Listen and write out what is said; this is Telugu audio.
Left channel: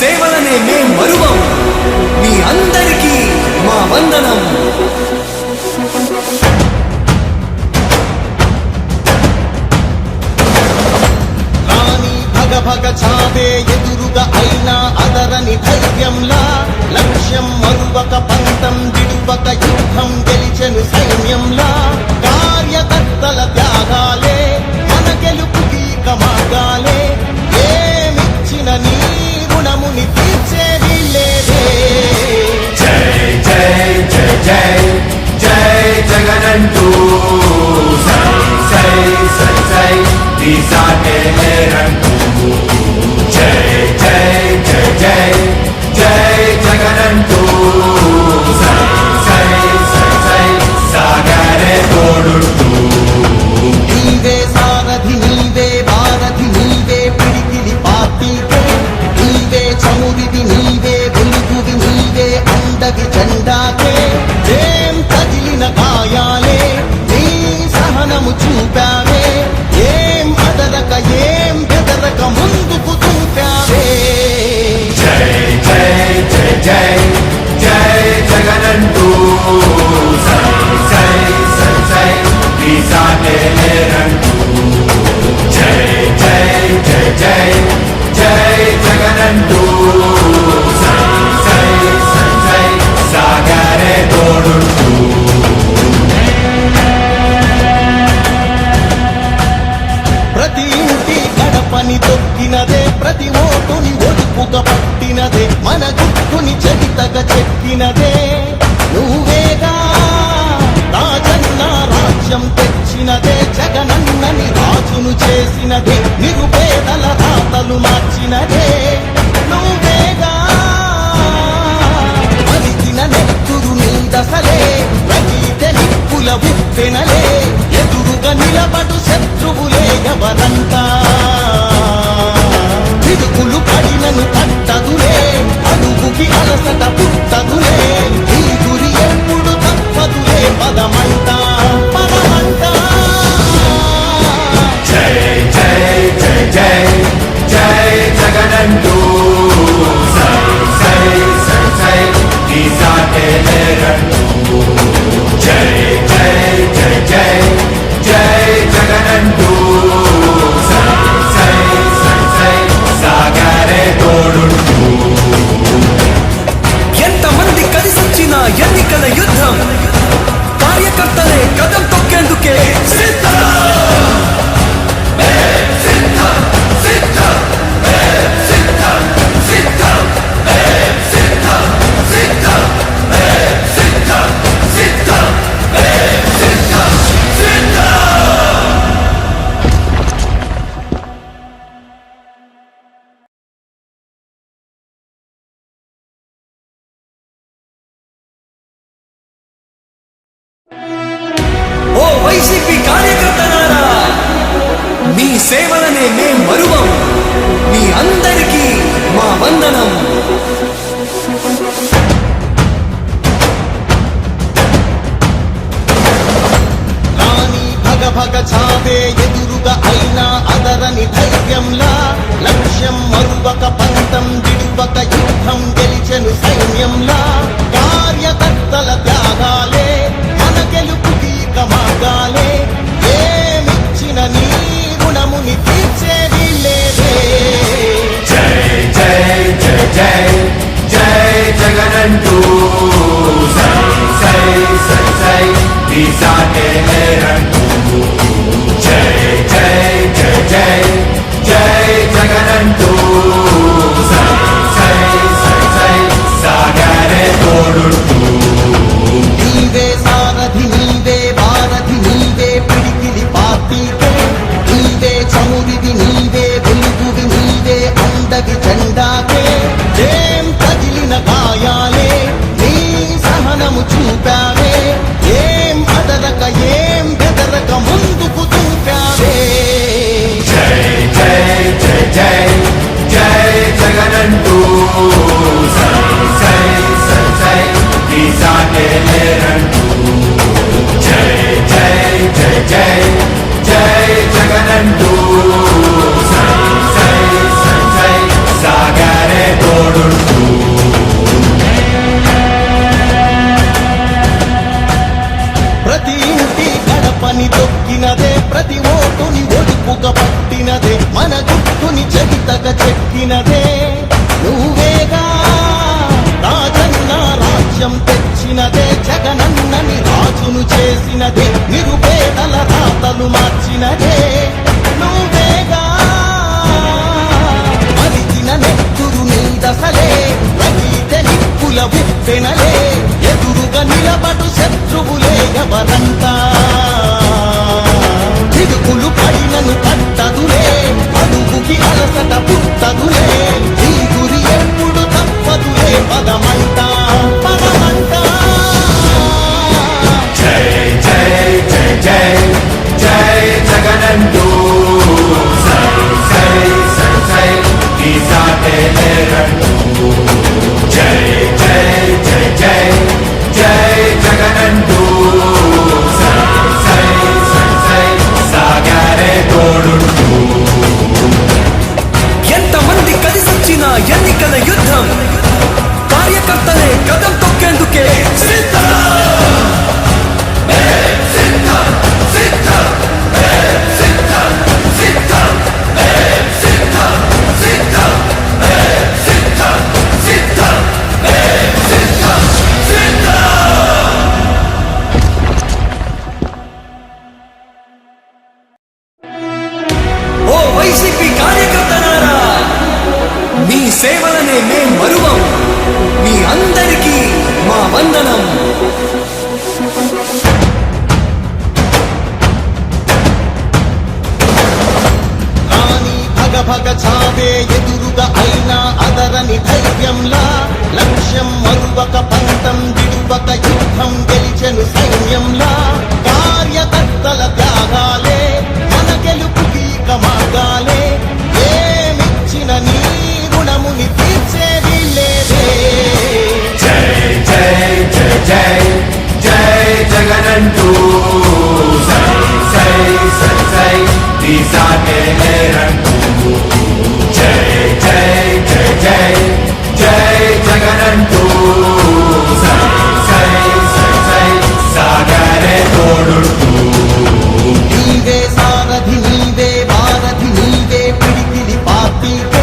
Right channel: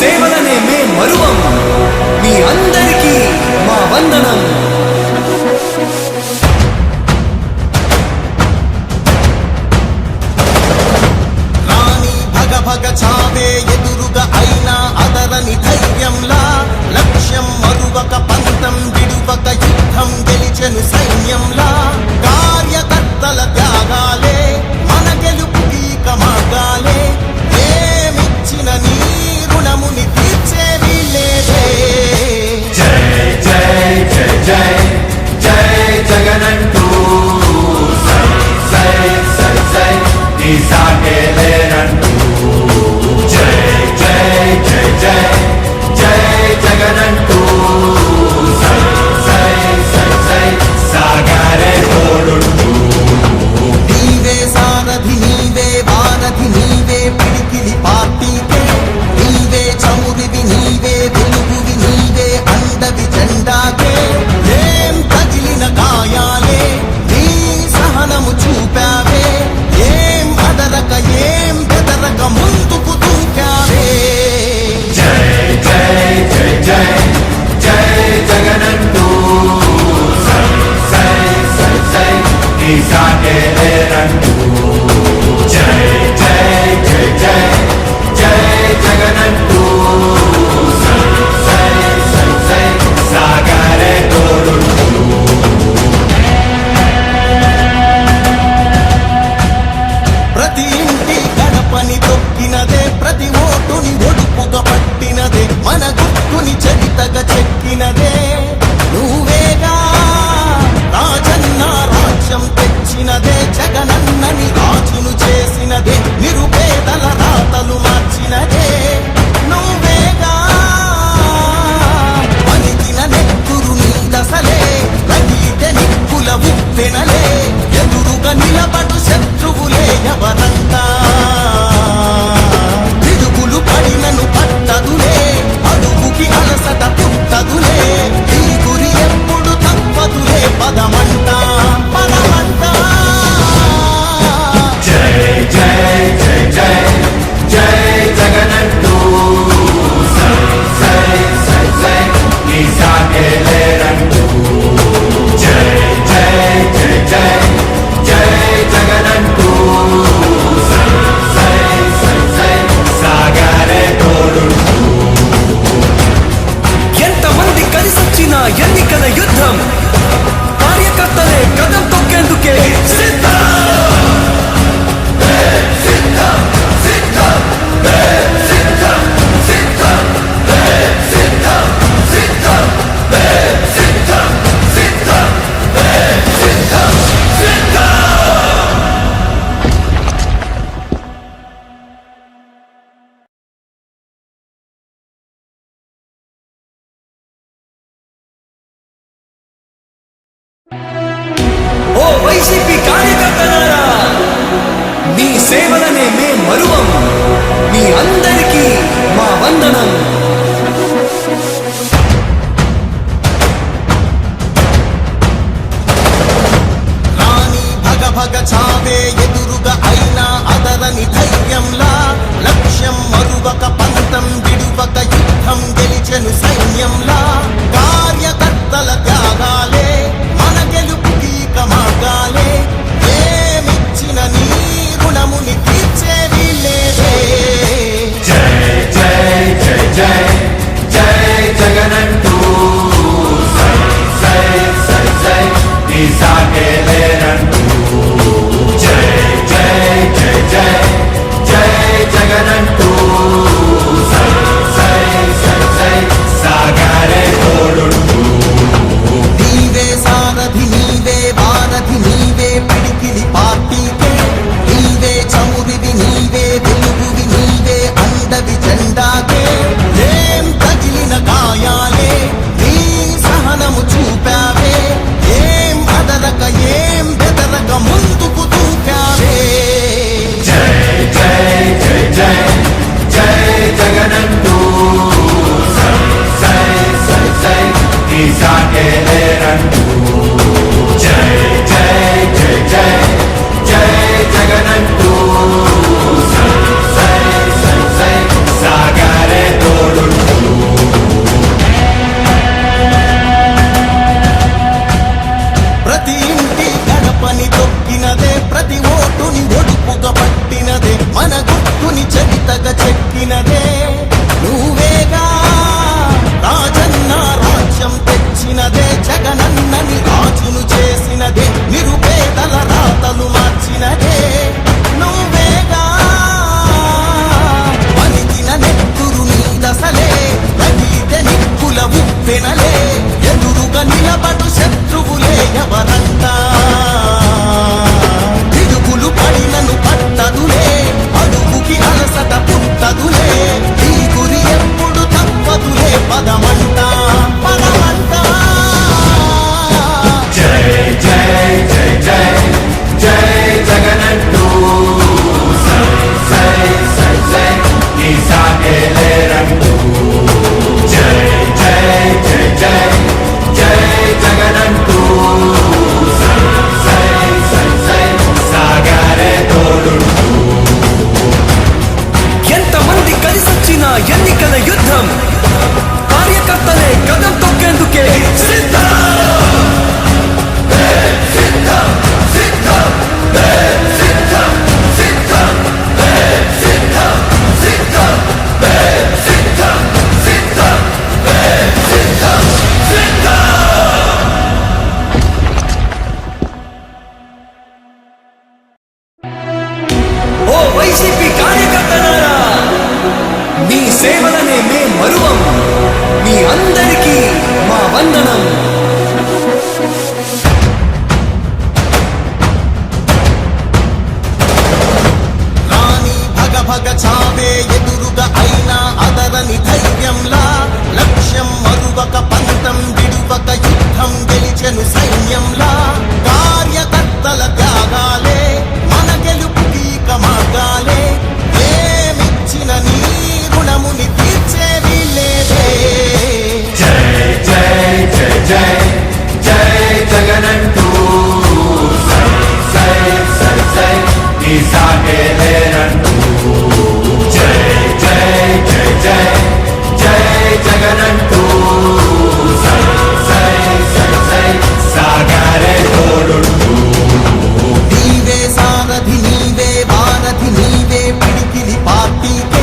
సేవలనే మే మరువం. మీ అందరికీ మా వందనం. భగ చావే ఎదురుగా అయినా అదరని ధైర్యంలా, లక్ష్యం మరువక పంతం విడువక యుద్ధం గెలిచెను సైన్యంలా. కార్యకర్తల త్యాగాలే మన గెలుపుకి మార్గాలే, ఏమిచ్చిన నీ రుణముని తీర్చేది లేదే. జై జై జై జై జై జగనంటూ సై సై సై సై ఈ సాగే లేనంటూ. జై జై జై జై జై జగనంటూ సై సై సై సై సాగరే తోడుంటూ. నీవే సారథి నీవే వారధి నీవే పిడికిలి పార్టీకే, నీవే చమురివి నీవే వెలుగువి నీవే అండవి జెండాకే. ఏం తగిలిన గాయాలే నీ సహనము చూపావే, ఏం అదరక ఏం బెదరక ముందుకు దూకావే. జై జై జై జై జై జగనంటూ సై సై సై సై ఈ సాగే లేనంటూ. జై జై జై జై జై జగనంటూ సై సై సై సై సాగరే తోడుంటూ. ప్రతి ఇంటి గడపని తొక్కినదే, ప్రతి ఓటుని ఒడుపుగా పట్టినదే, మన గుట్టుని చరితగా చెక్కినదే నువ్వేగా. రాజన్న రాజ్యం తెచ్చినదే, జగనన్నని రాజును చేసినదే, నిరుపేదల రాతలు మార్చినదే నువ్వేగా. మరిగిన నెత్తురు నీ దశలే, రగిలితే నిప్పుల ఉప్పెనలే, ఎదురుగా నిలబడు శత్రువులే ఎవరంతా. పిడుగులు పడినను పట్టదులే, అడుగుకి అలసట పుట్టదులే, ఈ గురి ఎప్పుడు తప్పదులే, పదమంట పదమంట. జై జై జై జై జై జగనంటూ సై సై సై సై ఈ సాగే లేనంటూ. జై జై జై జై జై జగనంటూ సై సై సై సై సాగరే తోడుంటూ. ఎంతమంది కలిసొచ్చిన ఎన్నికల యుద్ధం, కార్యకర్తలే కదం తొక్కేందుకే సిద్ధం. ఓ వైసీపీ కార్యకర్తలారా, మీ సేవలనే మే మరువం. మీ అందరికీ మా వందనం. భగ చావే ఎదురుగా అయినా అదరని ధైర్యంలా, లక్ష్యం మరువక పంతం విడువక యుద్ధం గెలిచెను సైన్యంలా. కార్యకర్తల త్యాగాలే మన గెలుపుకి మార్గాలే, ఏమిచ్చిన నీ రుణముని తీర్చేది లేదే. జై జై జై జై జై జగనంటూ సై సై సై సై ఈ సాగే లేనంటూ. జై జై జై జై జై జగనంటూ సై సై సై సై సాగరే తోడుంటూ. నీవే సారథి నీవే వారధి నీవే పిడికిలి పార్టీకే, నీవే చమురివి నీవే వెలుగువి నీవే అండవి జెండాకే. ఏం తగిలిన గాయాలే నీ సహనము చూపావే, ఏం అదరక ఏం బెదరక ముందుకు దూకావే. జై జై జై జై జై జగనంటూ సై సై సై సై ఈ సాగే లేనంటూ. జై జై జై జై జై జగనంటూ సై సై సై సై సాగరే తోడు. మెత్తగా చెక్కినదే నువ్వేగా రాజన్న రాజ్యం తెచ్చినదే జగనన్నని రాజును చేసినదే నిరుపేదల రాతలు మార్చినదే నువ్వేగా మరిచిన నెత్తురు నీ దశలే రగిలితే నిప్పుల ఉప్పెనలే ఎదురుగా నిలబడు శత్రువులే ఎవరంతా పిడుగులు పడినను పట్టదులే అడుగుకి అలసట పుట్టదులే ఈ గురి ఎప్పుడు తప్పదులే పదమంట పదమంట జై జై జై జై జై జగనంటూ సై సై సై సై నీ సాటే లేరంటూ జై జై జై జై జై జగనంటూ సై సై సై సై సాగరే తోడుంటూ ఎంతమంది కలిసొచ్చిన ఎన్నికల యుద్ధం కార్యకర్తలే కదం తొక్కేందుకే సిద్ధం ఓ వైసీపీ కార్యకర్తలారా మీ సేవలనే మే మరువం మీ అందరికీ మా వందనం రాణి భగ భగ చావే ఎదురుగా అయినా అదరని ధైర్యంలా లక్ష్యం మరువక పంతం విడువక యుద్ధం గెలిచెను సైన్యంలా కార్యకర్తల త్యాగాలే మన గెలుపుకి మార్గాలే ఏమిచ్చిన నీ రుణముని తీర్చేది లేదే జై జై జై జై జై జగనంటూ సై సై సై సై నీ సాటే లేరంటూ జై జై జై జై జై జగనంటూ సై సై సై సై సాగరే తోడుంటూ నీవే సారథి నీవే వారధి నీవే పిడికిలి పార్టీకి